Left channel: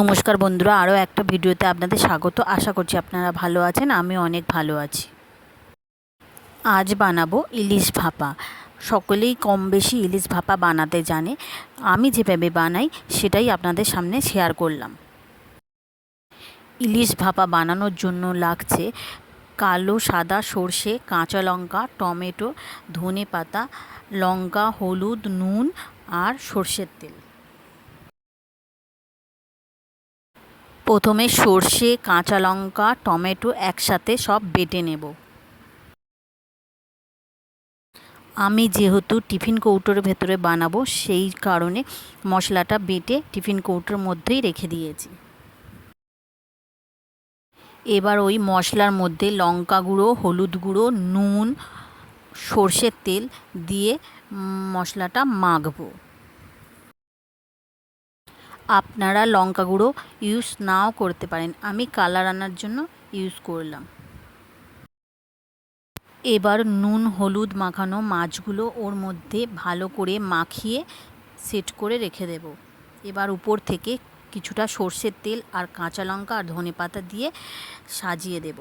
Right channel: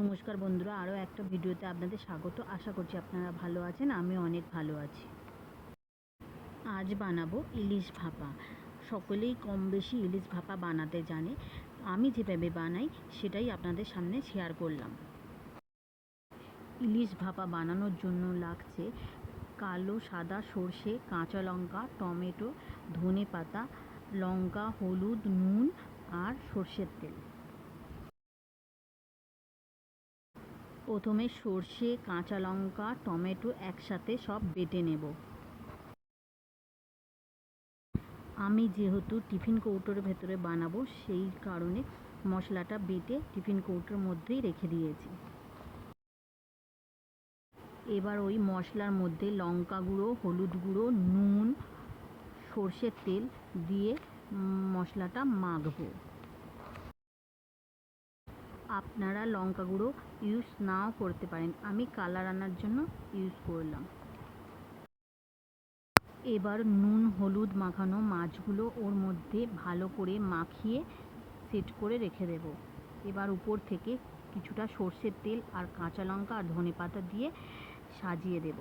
নমস্কার বন্ধুরা, আরও একটা ভিডিওতে আপনাদের স্বাগত। আশা করছি আপনারা ভালো আছেন, আমি অনেক ভালো আছি। আজ বানাবো ইলিশ ভাপা। সকলেই কম বেশি ইলিশ ভাপা বানাতে জানে। আমি যেভাবে বানাই সেটাই আপনাদের সামনে শেয়ার করলাম। ইলিশ ভাপা বানানোর জন্য লাগছে কালো সাদা সর্ষে, কাঁচা লঙ্কা, টমেটো, ধনেপাতা, লঙ্কা, হলুদ, নুন আর সর্ষের তেল। প্রথমে সর্ষে, কাঁচা লঙ্কা, টমেটো একসাথে সব বেটে নেব। আমি যেহেতু টিফিন কৌটোর ভেতরে বানাবো সেই কারণে মশলাটা বেটে টিফিন কৌটোর মধ্যেই রেখে দিয়েছি। এবার ওই মশলার মধ্যে লঙ্কা গুঁড়ো, হলুদ গুঁড়ো, নুন, সর্ষের তেল দিয়ে মশলাটা মাখবো। আপনারা লঙ্কা গুঁড়ো ইউজ নাও করতে পারেন, আমি কালার আনার জন্য ইউজ করলাম। এবার নুন হলুদ মাখানো মাছগুলো ওর মধ্যে ভালো করে মাখিয়ে সেট করে রেখে দেব। এবার উপর থেকে কিছুটা সর্ষের তেল আর কাঁচা লঙ্কা আর ধনেপাতা দিয়ে সাজিয়ে দেব।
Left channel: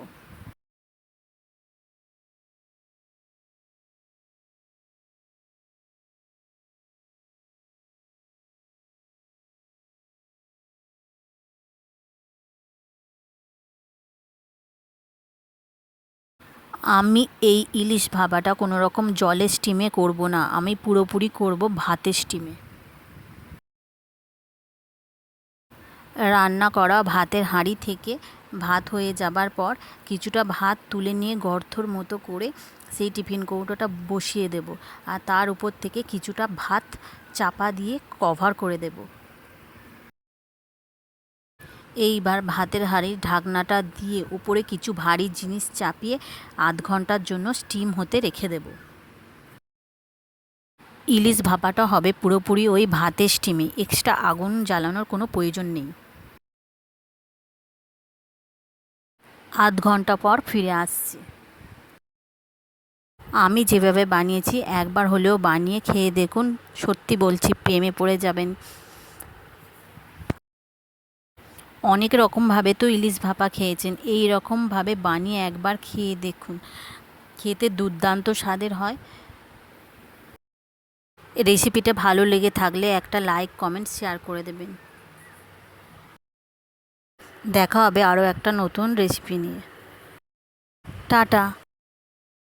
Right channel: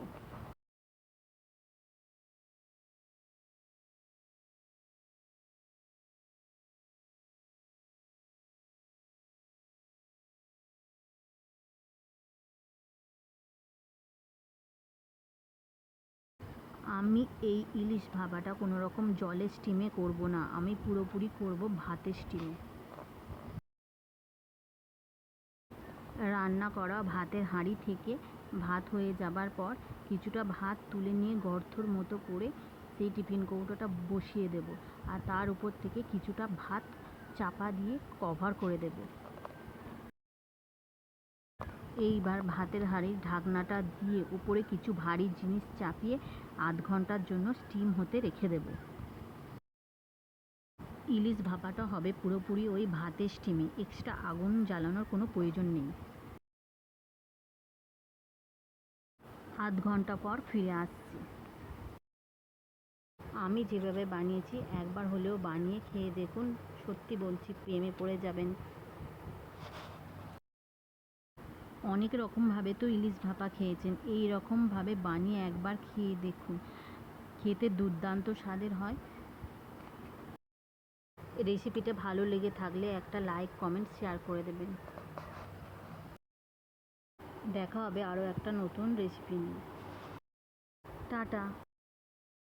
আমি এই ইলিশ ভাপাটা কোনো রকম জলের স্টিমে করব না, আমি পুরোপুরি করব ভাতের স্টিমে। রান্না করা ভাতের হাঁড়ি থেকে ভাত হয়ে যাবার পর কিছুটা ভাত তুলে নিয়ে গর্তর মতো করে সেই টিফিন কৌটোটা বসিয়ে দেব, আর তার উপর থেকে কিছুটা ভাত চাপা দিয়ে কভার করে দেব। এইবার ভাতের হাঁড়ির ঢাকনাটা দিয়ে উপরে কিছু ভারী জিনিস চাপিয়ে আধ ঘন্টার জন্য স্টিম হতে রেখে দেব। ইলিশ ভাপাটা হবে পুরোপুরি ওই ভাতের স্টিমে, এক্সট্রা আগুন জ্বালানোর কোনো প্রয়োজন নেই। আধ ঘন্টা পর ফিরে আসছি। আমি যেভাবে বানিয়েছি একবার হলেও বানিয়ে খেয়ে দেখুন, সত্যি বলছি প্রেমে পড়ে যাবেন। অনেক রকমভাবে তো ইলিশ ভাপা খেয়েছেন, এই রকমভাবে বানিয়ে একবার খেয়ে দেখুন, খেতে দুর্দান্ত স্বাদের হয়। রেসিপিটা ভালো লেগে থাকলে একটা লাইক কমেন্ট শেয়ার করে দেবেন। দেখা হবে আরও একটা নতুন রেসিপি নিয়ে। টাটা।